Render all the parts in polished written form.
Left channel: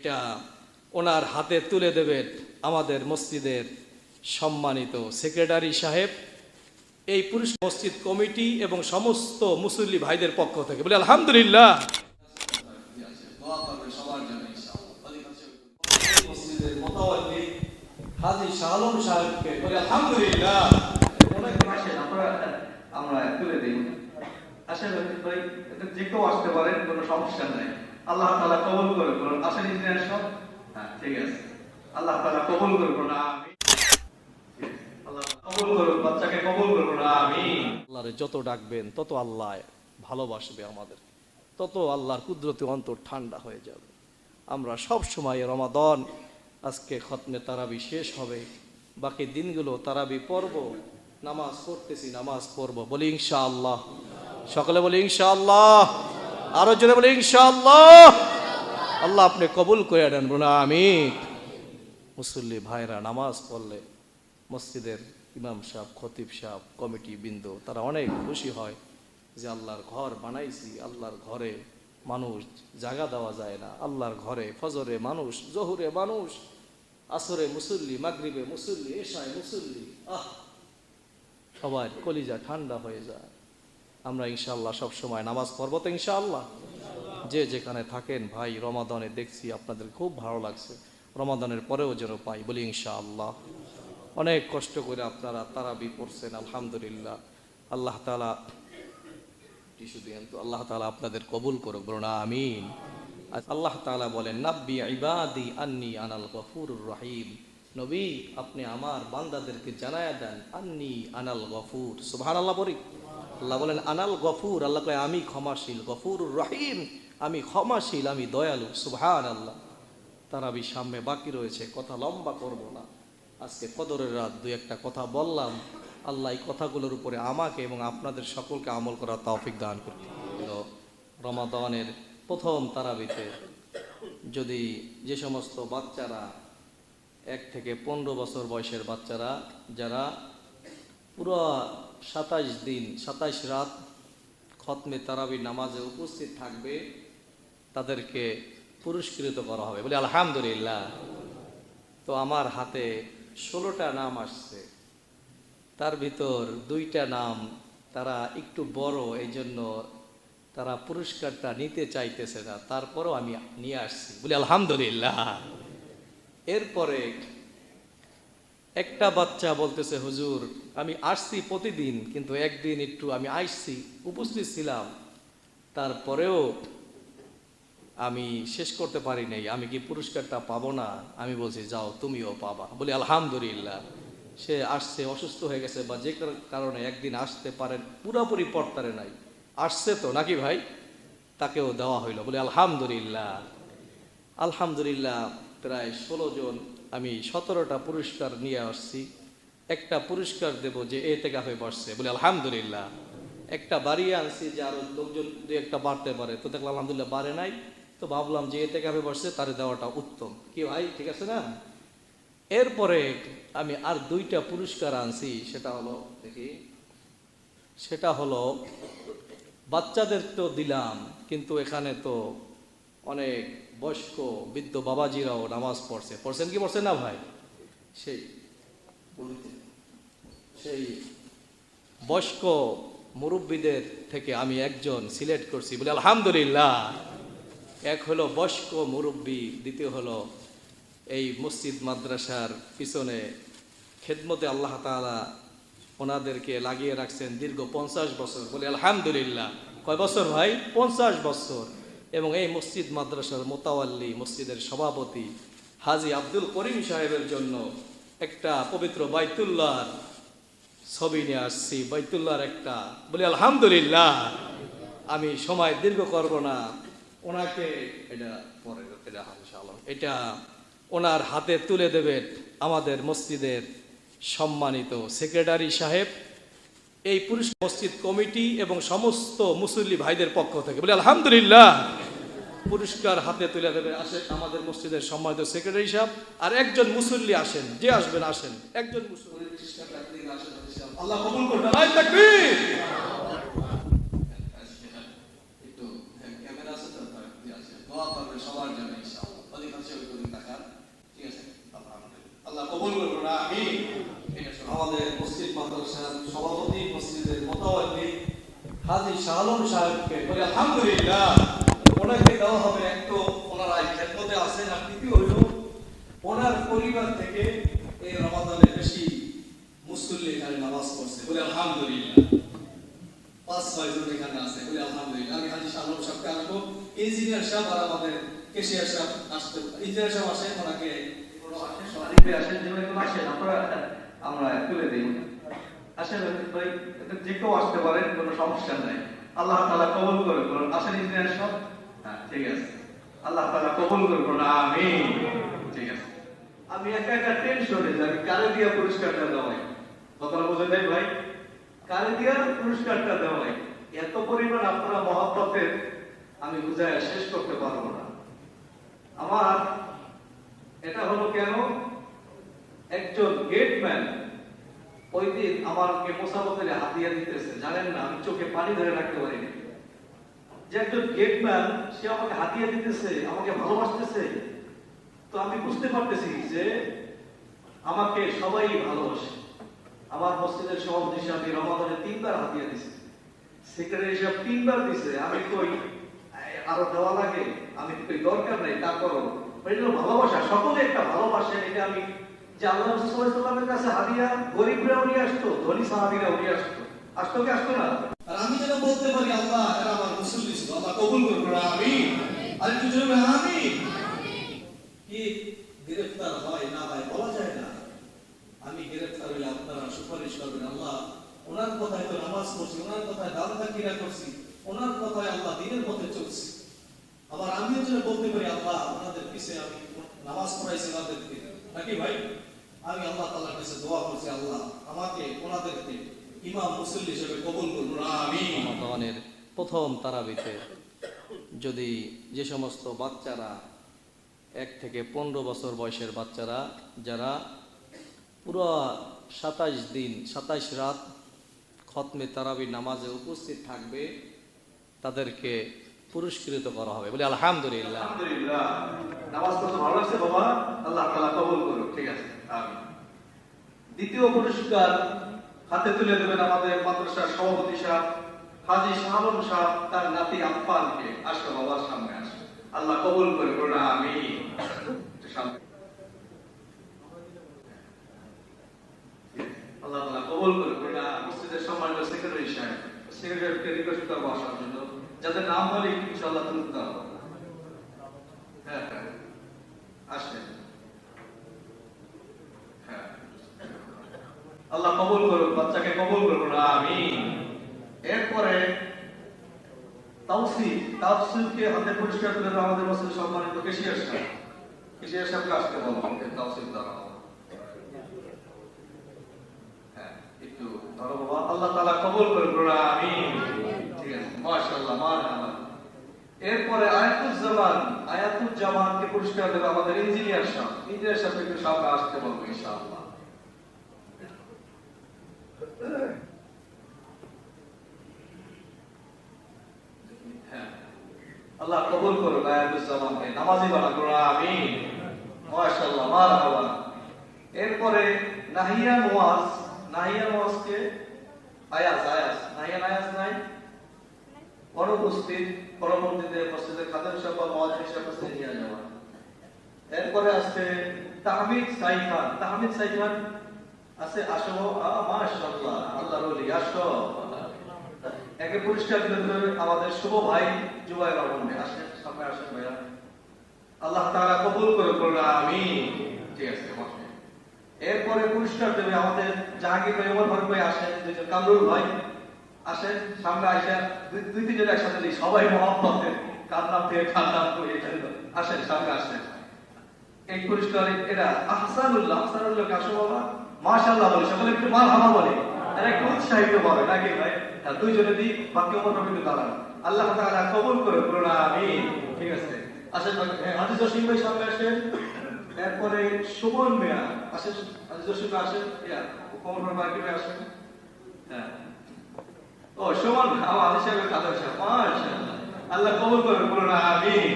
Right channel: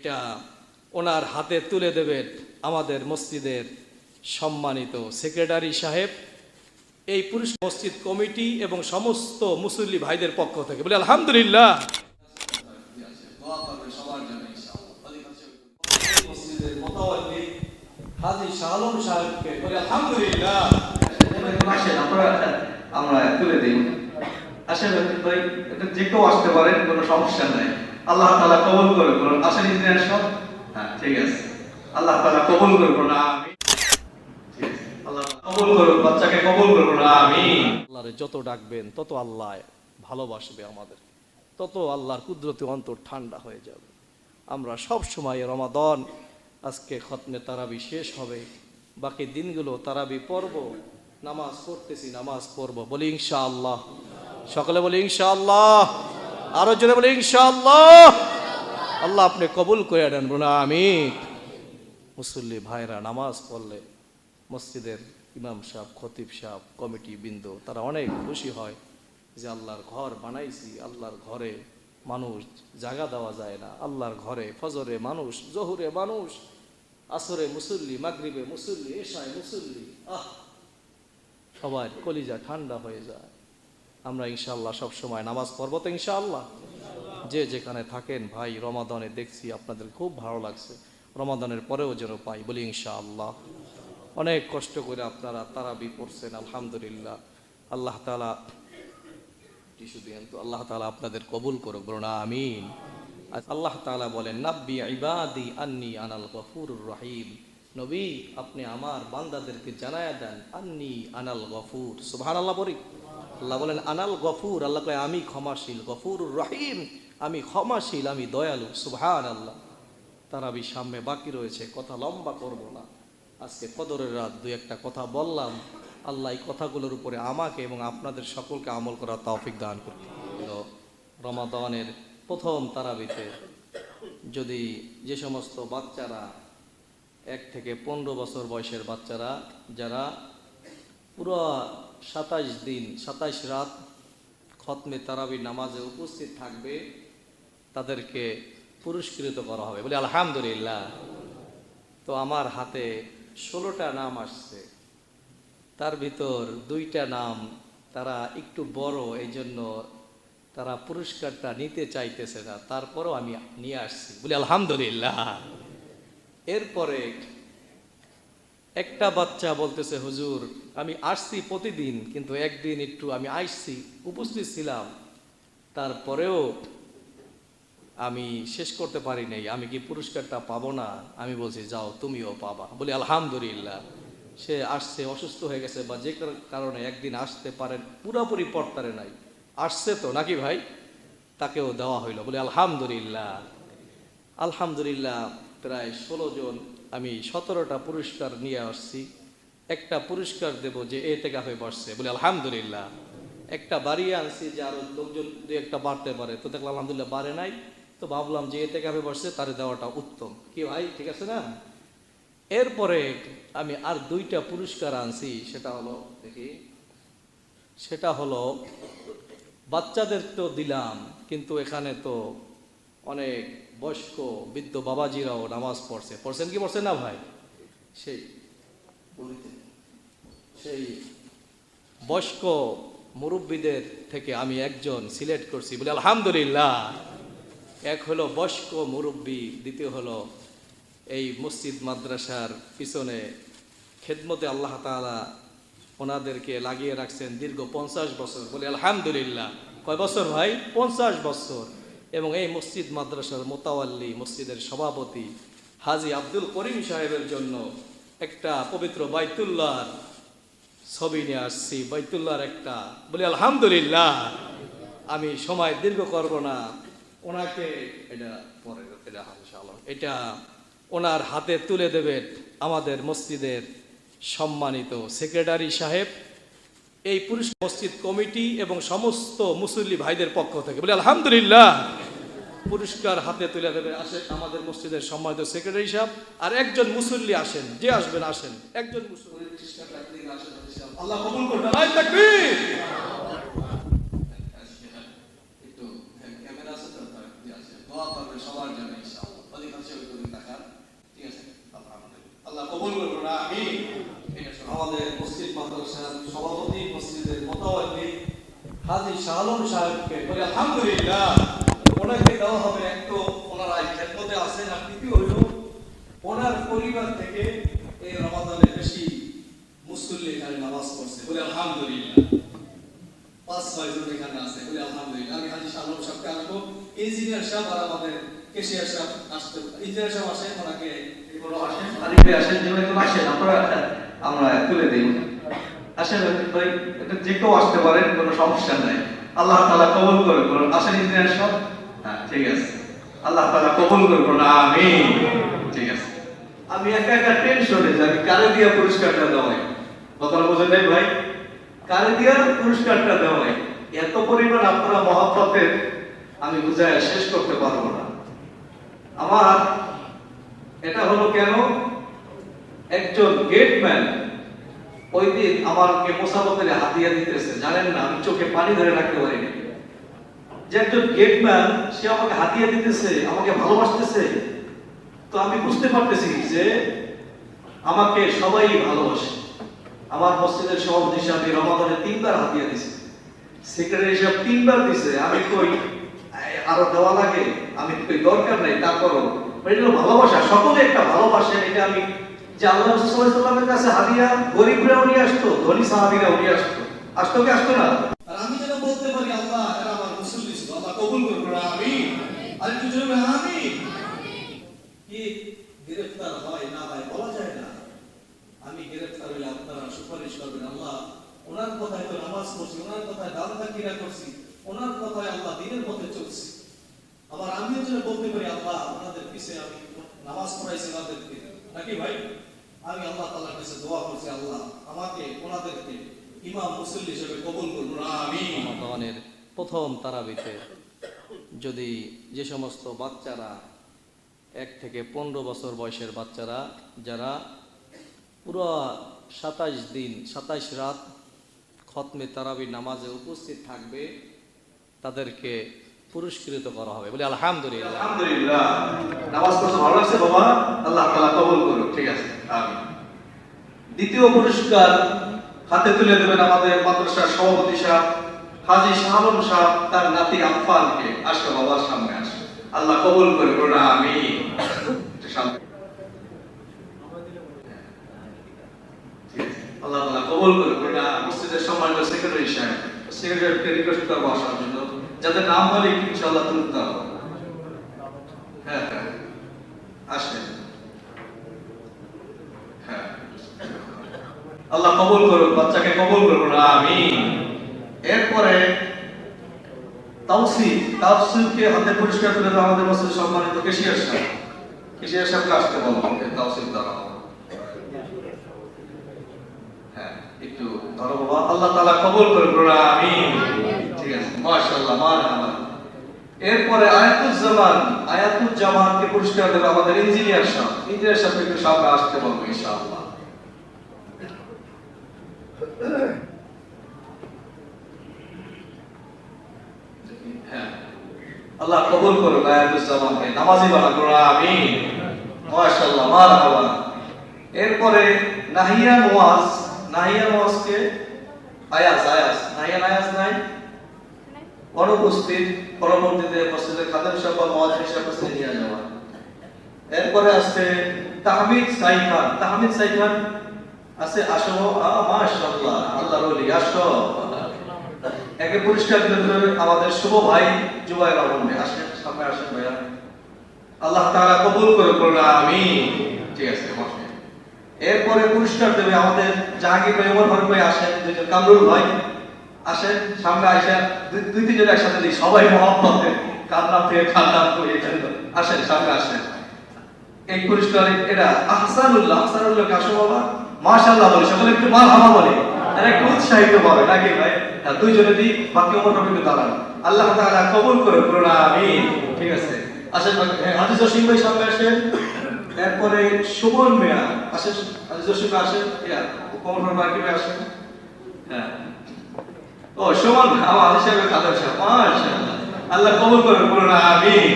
এটা ওনার হাতে তুলে দেবেন আমাদের মসজিদের সম্মানিত সেক্রেটারি সাহেব, এই পুরুষ মসজিদ কমিটি এবং সমস্ত মুসল্লি ভাইদের পক্ষ থেকে বলি আলহামদুলিল্লাহ। মসজিদের মোতাওয়াল্লি হাজী শাহ আলম সাহেবকে বলি আলহামদুলিল্লাহ। আমরা তুলে দিই। আসেন ভাই, যে কেউ আসতে পারেন, কোনো সমস্যা নাই। আল্লাহ তাআলা কবুল করে করুন। আসেন ইঞ্জিনিয়ার সব, হ্যাঁ ঠিক আছে। আল্লাহ তাআলা কবুল করে করুন, আমিন। আল্লাহ কবুল করুন, বাচ্চাকে কবুল করুন, আমিন। আল্লাহরে যত ডাকবেন তত আল্লাহ ভালোবাসবে আমাদের, তত আল্লাহর কুদরতি অন্তর ঠান্ডা হয়ে যাবে। আমরা সব সময় রমাদান, আজকে খতমে তারাবি শেষ হবে, বাকি দিনগুলো তারাবি পড়ব, নামাজ পড়তেছি, নামাজ পড়ব, বলি ইনশাআল্লাহ। সকলে বলি ইনশাআল্লাহ, আরো জোরে বলি ইনশাআল্লাহ। আল্লাহ আপনি কবুল করে নেন, বলুন আমিন। মুসল্লি ভাইরা নামাজ পড়লে মসজিদের ইমাম সাহেব, খতিব সাহেব, কমিটি বৃন্দ তারা অনেক খুশি হয় যে আল্লাহর ঘর বানাইছি, আল্লাহর ঘরে মানুষ জায়গা দেওয়া যায় না, আল্লাহর ঘরে ফজরে মানুষ, জহুরে মানুষ, আসরে মুসল্লি, মাগরিবে মুসল্লি, এশায় মুসল্লি, সবার কলিজা ঠান্ডা হয়ে যায়। আমরা ইনশাআল্লাহ সব সময় নামাজ পড়ব তো ইনশাআল্লাহ। যে যেখানে থাকেন ভাই, রমাদানে দেখছি আপনাদের খুব ভালো লাগছে, রমাদানের পরেও যেন পাই, বলি ইনশাআল্লাহ। অনেক কষ্ট করে আপনারা তারাবি পড়ছেন, আলহামদুলিল্লাহ। আল্লাহ তাআলা টিস্যু দিয়েন তো, আল্লাহ তাআলা আপনাদের কবুল করুক, বলুন আমিন। আল্লাহ তাআলা বলেন, নাব্বি ইবাদি আন্নি আনাল গফুরুর রহিম। নবী আপনি আমার বান্দাদেরকে জানায়া দেন, আন্নি আনাল গফুর। সুবহানাল্লাহ বলি। আল্লাহ বলেন আনাল গফুর, আল্লাহ কয় আমি ক্ষমাশীল, গফুরুর রহিম আমি ক্ষমাশীল, আমি দয়ালু। সুবহানাল্লাহ। তারাবি সামনে বাকি রয়েছে, কথা লম্বা করব না। আজকে কদরের রাত দুই একটা কথা বললাম, আল্লাহ এই কথাগুলোর উপরে আমাকে এবং আপনাদের সকলকে আমল করার তৌফিক দান করুন। রমাদানের প্রথম তারাবিতে যদি যে সমস্ত বাচ্চারা 1 থেকে 15 বছর বয়সের বাচ্চারা যারা পুরো 27 দিন 27 রাত খতমে তারাবি নামাজে উপস্থিত থাকবে, তাদেরকে পুরস্কৃত করা হবে, বলি আলহামদুলিল্লাহ। তো আমার হাতে 16টা নাম আসছে, তার ভিতর 2টা নাম তারা একটু বড়, এই জন্য তারা পুরস্কারটা নিতে চাইতেছে না, তারপরেও আমি নিয়ে আসছি, বলি আলহামদুলিল্লাহ। এরপরে একটা বাচ্চা বলতেছে, হুজুর আমি আসছি প্রতিদিন, কিন্তু একদিন একটু আমি আসছি, উপস্থিত ছিলাম, তারপরেও আমি শেষ করতে পারি নাই, আমি কি পুরস্কারটা পাবো না? আমি বলছি যাও তুমিও পাবা, বলি আলহামদুলিল্লাহ। সে আসছে, অসুস্থ হয়ে গেছে বা যে কারণে একদিন আসতে পারেন, পুরোপুরি পড়তারে নাই, আসছে তো নাকি ভাই, তাকেও দেওয়া হইল, বলি আলহামদুলিল্লাহ। আলহামদুলিল্লাহ। প্রায় 16 জন, আমি 17টা পুরস্কার নিয়ে আসছি। একটা পুরস্কার দেব যে এতেকাফে বসছে, বলি আলহামদুলিল্লাহ। একটা বাড়িয়ে আনছি যে আরো লোকজন 2-1টা বাড়তে পারে, তো দেখলাম আলহামদুলিল্লাহ বাড়ে নাই, তো ভাবলাম যে এতেকাফে বসছে তারে দেওয়াটা উত্তম, কি ভাই ঠিক আছে না? এরপরে আমি আর 2টা পুরস্কার আনছি, সেটা হলো দেখি, সেটা হলো বাচ্চাদের তো দিলাম, কিন্তু এখানে তো অনেক বয়স্ক বৃদ্ধ বাবাজিরাও নামাজ পড়ছেন কি পড়ছেন না ভাই? সেই বয়স্ক মুরব্বীদের থেকে আমি একজন সিলেক্ট করছি, বলে আলহামদুলিল্লাহ। এক হলো বয়স্ক মুরব্বী, দ্বিতীয় হলো এই মসজিদ মাদ্রাসার পিছনে খেদমতে আল্লাহ তাআলা ওনাদেরকে লাগিয়ে রাখছেন দীর্ঘ 50 বছর, বলে আলহামদুলিল্লাহ। কয় বছর ভাই? 50 বছর। এবং এই মসজিদ মাদ্রাসার মোতাওয়াল্লি, মসজিদের সভাপতি হাজী আব্দুল করিম সাহেবের জন্য একটা পবিত্র বাইতুল্লাহর ছবি নিয়ে আসছি, বাইতুল্লাহর একটা, বলি আলহামদুলিল্লাহ। আমি সময় দীর্ঘ করব না, ওনাকে এটা পরে এটা ওনার হাতে তুলে দেবেন আমাদের মসজিদের সম্মানিত সেক্রেটারি সাহেব, এই পুরুষ মসজিদ কমিটি এবং সমস্ত মুসল্লি ভাইদের পক্ষ থেকে, বলি আলহামদুলিল্লাহ। পুরস্কার হাতে তুলে দেবে আসে আমাদের মসজিদের সম্মানিত সেক্রেটারি সাহেব। আর একজন মুসল্লি আসেন, যে আসবেন আসেন, একজন মুসল্লি আল্লাহ কবুল করুন। নারায়ে তাকবীর। একটু ক্যামেরা আছে তো, দোয়া করবে সবার জন্য ইনশাআল্লাহ। হাজী শাহ আলম সাহেবকে বলে আলহামদুলিল্লাহ, ওনাকে দেওয়া হবে। এক তো ওনারা খেদমতে আছেন, আর দ্বিতীয় হইল ওনার পরিবার থেকে এই রমাদানে বেশি মুসল্লি এখানে নামাজ পড়ছে, বলে আলহামদুলিল্লাহ। 5-6 জন এখানে আছে, বলে আলহামদুলিল্লাহ। আমি হাজী শাহ আলম সাহেবকে আসবো, ইঞ্জিনিয়ার সাহেব আর আমাদের কেশিয়ার সাহেব আসতে, ইঞ্জিনিয়ার সাহেব আসেন, ওনাকে আসেন যেভাবে কোনো আসেন আপনারা, আমরা তুলে দিই। আসেন ভাই, এটা যে কেউ আসতে পারেন, কোনো সমস্যা নাই। আল্লাহ তাআলা কবুল করে করুন। আসেন ইঞ্জিনিয়ার সব, হ্যাঁ ঠিক আছে। আল্লাহ তাআলা কবুল করে করুন, আমিন। ঠিক আছে। আমি একা একা টেনশনে যাই, কারে দিয়া পুরস্কারটা দেওয়া হয়, কথাটা বোঝেন নাই ভাই? কারে দিয়া পুরস্কারটা দেওয়া হয়, এত পরিমাণ আপনারা মহব্বতের আমি বুঝায় শেষ করতে পারবো না। আমার এটা হলো কেন, একজন গেটম্যান ওই দিন আমাকে মোসাফতের হাতিয়া দিতেছে, জানেন না আমি চোখে পানি ধরে রাখতে পারিনি। যে একজন গেটম্যান সে আমাকে হাতিয়া দিতেছে, আমাকে ভালোবাসতেছে, তো আমি বুঝতে পারতেছি যে আমাকে সবাই ভালোবাসে। আমার মসজিদের সভাপতি হিসাবে রমাদানে 3বার হাতিয়া দিছে, সেক্রেটারি হিসাব 3বার দিছে। আমি কই আরো দেওয়া লাগে, আমি কই দরকার নাই, তারপরও এটা হলো ভালোবাসা। সকলে একটা ভালোবাসে, এটা আমি যে আল্লাহ রাসূল সাল্লাল্লাহু আলাইহি ওয়াসাল্লামের কাছে হাদিয়া গরীবরাও নিয়ে আসতো, ধনী সাহাবীরাও নিয়ে আসতো, আসতো কি আসতো না? আর আমি যেন বলতে পারি আল্লাহ এরা আমার মুসল্লি ছিল, আল্লাহ কবুল করুন, আমিন। আর একটু জোরে আমিন। কি গ্রেফতার হয় না হয় বলা যায় না। আমি গ্রেফতার হইলে আপনারা সুপারিশ করবেন, আল্লাহ ওনার কথায় তো নামাজ পড়ছি, ওনার কথায় দান তাকিরা করছি, ওনার কথায় আল্লাহ দিনের পথে চলছি। আবার আমিও যেন বলতে পারি আল্লাহ ওনাদের পিছে আমি নামাজ পড়াইছি ওনাদেরকে, নাকি ভাই? আমি আল্লাহ তাআলার কাছে দোয়া করছি, আল্লাহ আমাকে ওনাদেরকে ইমাম মুসল্লি হিসেবে কবুল করুন, আমিন। রমাদানের প্রথম তারাবিতে যদি যে সমস্ত বাচ্চারা 1 থেকে 15 বছর বয়সের বাচ্চারা যারা পুরো 27 দিন 27 রাত খতমে তারাবি নামাজে উপস্থিত থাকবে, তাদেরকে পুরস্কৃত করা হবে, বলে আলহামদুলিল্লাহ। আলহামদুলিল্লাহ। নামাজ পড়তে ভালো লাগছে বাবা, আল্লাহ তাআলা কবুল করুন, ঠিক আছে, আমিন। দ্বিতীয় পুরস্কার হাতে তুলে দেবেন আমাদের মাদ্রাসার সভাপতি সাহেব হাজী শাহ আলম সাহেব, তার নাতি আফফানকে। আসো বাবার সামনে আসো, আল্লাহ কবুল করে করুন, আমিন। আল্লাহ তাআলা কবুল করে করুন। মসজিদের সম্মানিত সেক্রেটারি সাহেব, সেক্রেটারিকে রিকোয়েস্ট করবো আসার জন্য, যাদের নাম বলে ইনশাআল্লাহ তুলতে হবে। হ্যাঁ হ্যাঁ আসেন, হ্যাঁ। আল্লাহ কবুল করুন, বাচ্চাকে কবুল করুন, আমিন। এরপরে তাওসিফকে হাতে পুরস্কার তুলে দেওয়া আমাদের মসজিদের সম্মানিত কেশিয়ার সাহেব। কেশিয়ার সাহেবকে আসতে বলবো, তাওসিফ দ্বারা। হ্যাঁ একটু ধরো বাবা, আল্লাহ তাআলা কবুল করুন, আমিন। ঠিক আছে, মাশাআল্লাহ, মারহাবা। এরপরে আয়াতুজ্জামানকে পুরস্কার দেবে আমাদের ইঞ্জিনিয়ার সাহেব। ইঞ্জিনিয়ার সাহেবকে একটু সামনে আসতে বলবো ইনশাআল্লাহ। হ্যাঁ, আল্লাহ কবুল করুন আয়াতুজ্জামানকে, নামাজি বানান, আমিন। মাশাআল্লাহ, মারহাবা। এরপরে নাহিয়া নওয়াজকে আয়াজ নাই অনুপস্থিত, পরবর্তীতে মসজিদের খাদেম সাহেব বা মুয়াজ্জিন সাহেবকে নিয়ে যাওয়া। এরপরে আছে তাহমিদ সাইখান আছে, আসো, মাশাআল্লাহ, আল্লাহর ওলি, আসো। একে পুরস্কার দিতে আমাদের শুভ ভাই জুবাইর রহমান, আসেন সামনে, আসেন ভাইয়া, আল্লাহ তাআলা কবুল করুন, আমিন। ঠিক আছে, এরপরে পুরস্কার দেবে আমাদের জাহাঙ্গীর ভাই, ওমর ফারুক ভাই, আসেন, দুইজন কামরুল ভাই আসেন সামনে, আসেন, দুই তিনজন একসাথে দিই, সবাই মহব্বতে কান্না করে আসেন, সামনে আসেন। এই পুরস্কার এটা আহসানুল্লাহকে আসো বাবা, মাশাআল্লাহ বলে সকলে একটু মারহাবা বলে, আর একটু উৎসাহিত হবে, নাকি ভাই? দুইজনে দিই, বাকি ওমরটা কিন্তু দাঁড়ান, আল্লাহ তাআলা কবুল করুন, আমিন। ঠিক আছে, আসেন হাজী জসিম ভাই সামনে আসেন। এরপরে সুমন মিয়া আসেন, হাজী জসিম ভাই আসেন, কমর বাকি ভাই আসেন। হ্যাঁ, ও সুমন আমার হাজী সাহেবের কাদের সাহেব, মাশাআল্লাহ, আল্লাহ কবুল করুন, আমিন।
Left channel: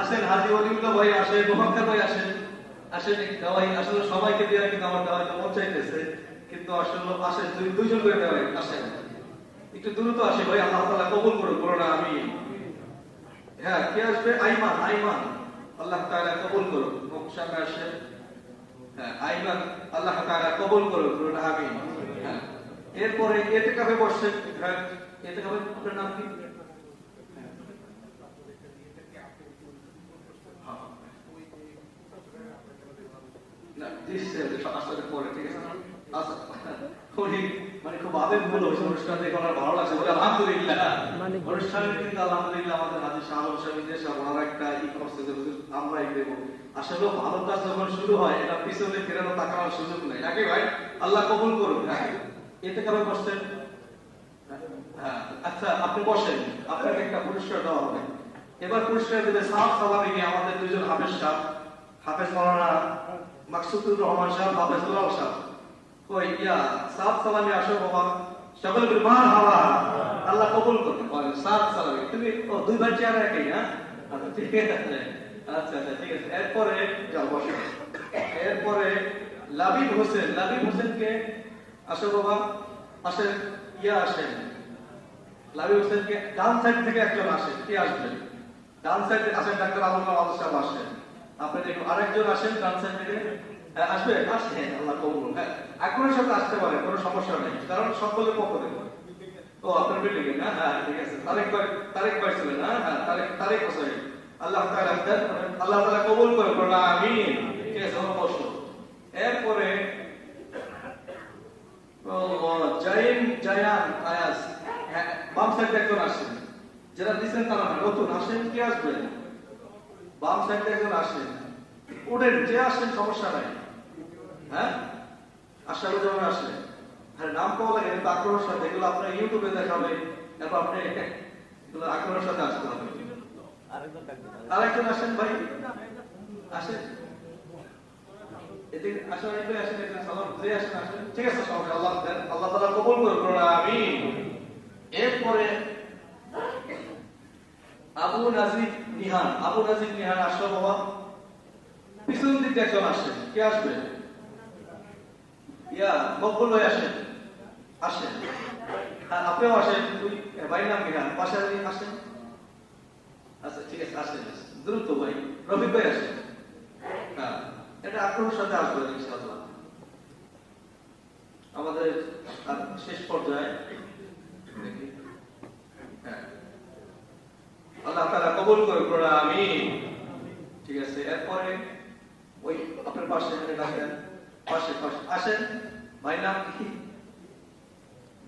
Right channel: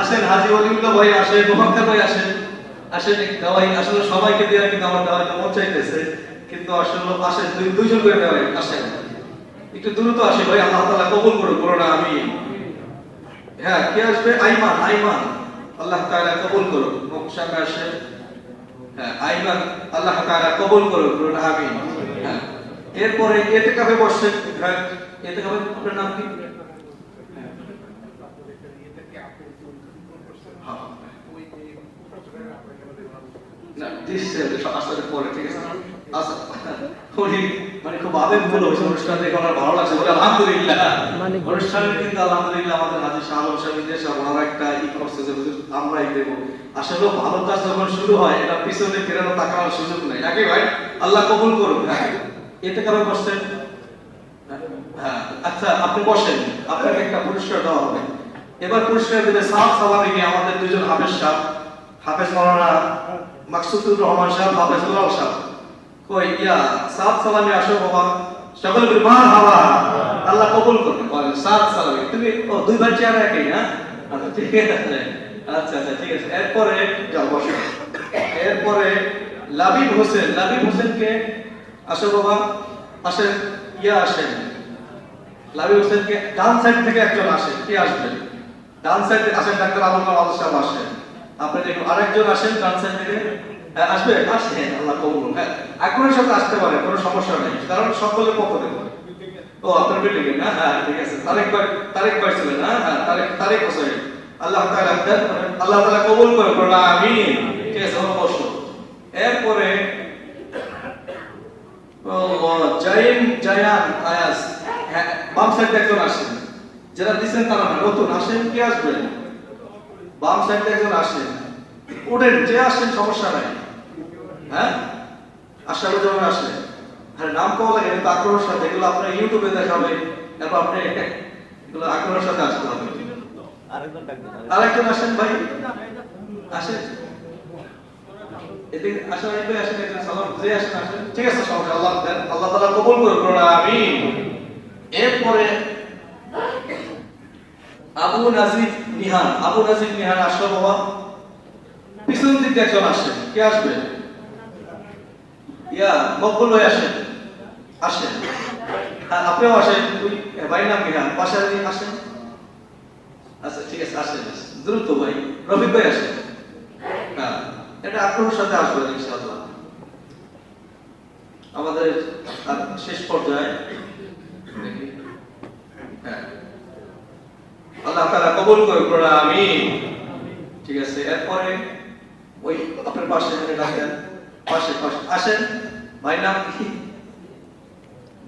আসেন হাজী ওলিউল্লাহ ভাই আসেন, মুহাম্মদ ভাই আসেন, দাওয়াই আসলে সবাইকে দেওয়া কিন্তু আমার দাওয়াই মন চাইতেছে, কিন্তু আসলে আসেন দুইজন করে দেওয়াই, আসেন একটু দ্রুত আসে ভাই, আল্লাহ তাআলা কবুল করুন, বলুন আমিন। হ্যাঁ, কে আসবে? আইমান, আইমান, আল্লাহ তাআলা কবুল করুন। সামনে আসে, হ্যাঁ আইমান, আল্লাহ তাআলা কবুল করুন, বলুন আমিন। হ্যাঁ, এরপরে ইতিকাফে বসছেন, হ্যাঁ ইতিকাফে আপনার নাম কি? না দিচ্ছে আসলে পরে, ঠিক আছে। আচ্ছা, উনি মানে খুব আবেগপূর্ণ হয়েছে অনুষ্ঠান দেখে, আমার ভালো লাগছে, বলে আলহামদুলিল্লাহ। অনুষ্ঠানে কিন্তু আলহামদুলিল্লাহ আমাদের হাজির শাহ আলম সাহেব দেশে বড় একটা ই করছে যে হুজুর আমরাই দেবো। আসলে ভালো কাজ যখন শুরু হয়, এটা পিছনে ফেরানো তাকানোর সুযোগ নাই। আগে ভাই আল্লাহ কবুল করুন। হ্যাঁ, এতে কারণ বসছেন। হ্যাঁ, আচ্ছা আপনি বসেন, আপনাকে একটা পুরস্কার দেওয়া হবে। এবার পুরস্কার দেবে সাহাব সালামিকে আমাদের দুজন হাফেজ সাহেব, হাফেজ মাওলানা মাকসুদুর রহমান সাহেব, হাফেজ উল্লাহ সাহেব। কই ইয়া সাহাব সালামি আসো বাবা, সকলে বলি মারহাবা, আল্লাহ কবুল করুন। বলেন সাহাব সালামি, তুমি ও দুই ভাই চেহারা একই না? আচ্ছা ঠিক আছে, আচ্ছা আচ্ছা ঠিক আছে। এরপরে যাও বসো। এরপরে লাবিব হোসেন, লাবিব হোসেনকে আসো বাবা, আসেন, ইয়া আসেন। লাবিব হোসেনকে ডান সাইড থেকে একজন আসেন, কে আসবেন? ডান সাইড থেকে আসেন, ডাক্তার আবুল কালাম সাহেব আসেন। আপনি দেখুন আরেকজন আসেন ডান সাইড থেকে। হ্যাঁ আসবে, আসেন, আল্লাহ কবুল করুন। হ্যাঁ আগ্রহের সাথে আসতে পারে, কোনো সমস্যা নেই, কারণ সকলের পক্ষ থেকে। ও আপনার বিল্ডিং না? হ্যাঁ ঠিক আছে। তারেক ভাই ছিলেন, হ্যাঁ হ্যাঁ তারেক হোসেন, আল্লাহ তাআলা আল্লাহ তাআলা কবুল করে, বলুন আমিন। ঠিক আছে, অবশ্য। এরপরে জায়ান আয়াস, হ্যাঁ বাম সাইডে একজন আসেন, যারা দিচ্ছেন তারা নতুন আসেন, কে আসবেন? বাম সাইডে একজন আসেন, ওঠেন, যে আসেন সমস্যা নাই। হ্যাঁ আশার জন্য আসেন। হ্যাঁ নাম পাওয়া লাগে কিন্তু আগ্রহের সাথে, এগুলো আপনার ইউটিউবে দেখাবে, তারপর আপনি এগুলো আগ্রহের সাথে আসতে হবে। আরেকজন আসেন ভাই, আসেন এদিকে আসেন, ভাই আসেন, একজন সালাম যে আসেন আসেন। ঠিক আছে, সমস্যা আল্লাহ দেন, আল্লাহ তাআলা কবুল করুন, বলুন আমিন। এরপরে আবু নাজিব নিহান, আবু নাজিব নিহান আসো বাবা, পিছন দিক দিয়ে একজন আসেন, কে আসবে? ইয়া মকবুল ভাই আসেন, আসেন। হ্যাঁ আপনিও আসেন, তুই ভাই নাম নিহান, পাশে আসেন। আচ্ছা ঠিক আছে, আসেন দ্রুত ভাই। রফিক ভাই আসেন। হ্যাঁ এটা আগ্রহের সাথে আসবেন ইনশাআল্লাহ। আমাদের শেষ পর্যায়ে, হ্যাঁ আল্লাহ তাআলা কবুল করুন, বলুন আমিন। ঠিক আছে, এরপরে ওই আপনার পাশে রাখেন, পাশে পাশে আসেন। ভাই নাম কি?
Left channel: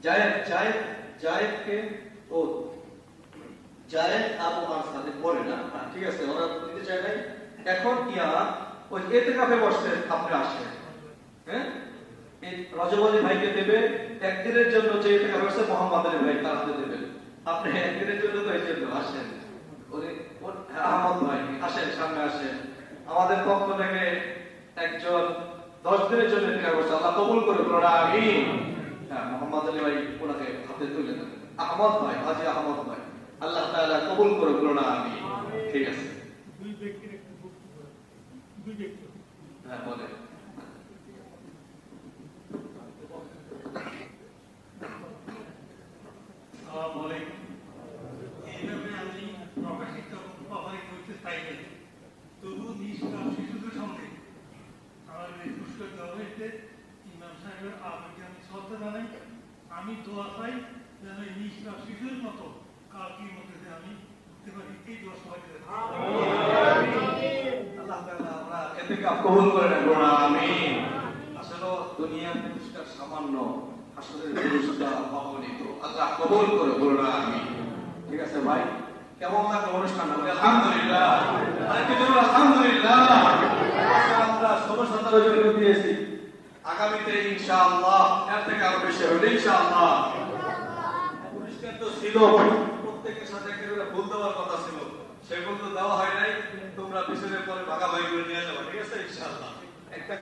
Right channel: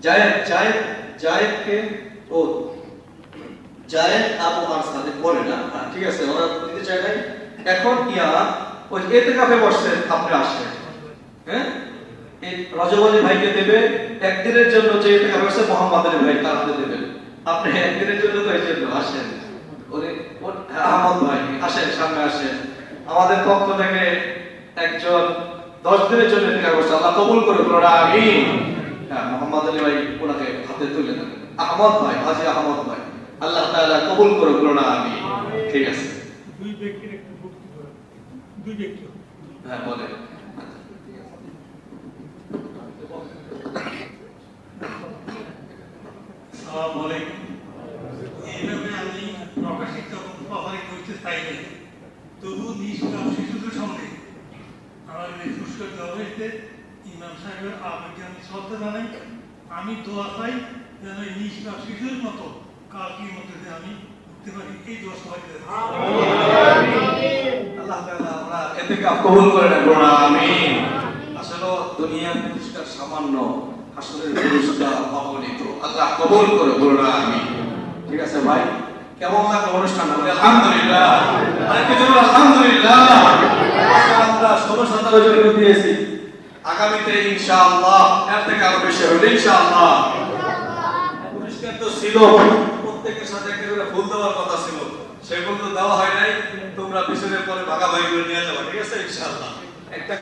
জায়েদ, জায়েদ, জায়েদকে ও জায়েদ আবু আরসাদের পরে না? ঠিক আছে, ওরা নিতে চাই নাই। এখন ইয়া ওই ইতিকাফে বসছেন, আপনি আসেন। হ্যাঁ এই রজব আলী ভাইকে দেবে একদিনের জন্য, যে ইতিকাফে বসছে মোহাম্মদ আলী ভাই তাকে দেবেন। আপনি একদিনের জন্য তো এই জন্য আসেন। আহমদ ভাই আসেন, সামনে আসেন। আমাদের পক্ষ থেকে একজন 10 দিনের জন্য ইতিকাফ করছে, আল্লাহ কবুল করে, বলুন আমিন। হ্যাঁ মোহাম্মদ আলী ভাই ওনাকে হাতে তুলে দেন। আহমদ ভাই, হাজী আহমদ ভাই, আল্লাহ তাআলা কবুল করে, বলুন আমিন। ঠিক আছে, দুই ব্যক্তির একটু বক্তব্য, দুই ব্যক্তি। হ্যাঁ বলেন। আসসালামু আলাইকুম। এইভাবে আমি প্রকাশিত পাবলিক হইতে চাই না, তবু নিষ্কাম শিশুদের সামনে আমার এই পুরস্কার দেওয়া হয়েছে। ইমাম সাহেবের আবেগকে আমি শ্রদ্ধা জানাই। আমি দোয়া চাই যেন এই নিষ্কাম শিশুর মতো কালকের মধ্যে যে আমি উঠতে পারি, এই দোয়া সবাই দেন। আল্লাহ তাআলা আমরা ইতিকাফ কবুল করে নেন, বলুন আমিন। আসলে দুনিয়ার পুরস্কার সামান্য, হাসরের পুরস্কার অগণিত, আল্লাহ কবুল করে, বলুন আমিন। ঠিক আছে ভাই, কেমন লাগলো অনুষ্ঠান? আলহামদুলিল্লাহ, আরেকটু জোরে আলহামদুলিল্লাহ। আমরা 16-17 জন দিয়েছি, আগামীতে ইনশাআল্লাহ এর থেকে আরো বেশি হবে ইনশাআল্লাহ। পুরস্কার তো ছিল, প্রত্যেকের সাথে একটা করে ফুল দেওয়ার কথা ছিল, সেগুলো তো দেওয়া হয় নাই। তোমরা পিছনের পরে ভাগাভাগি করে নিয়ে যাবে, ঠিক আছে ইনশাআল্লাহ। একটা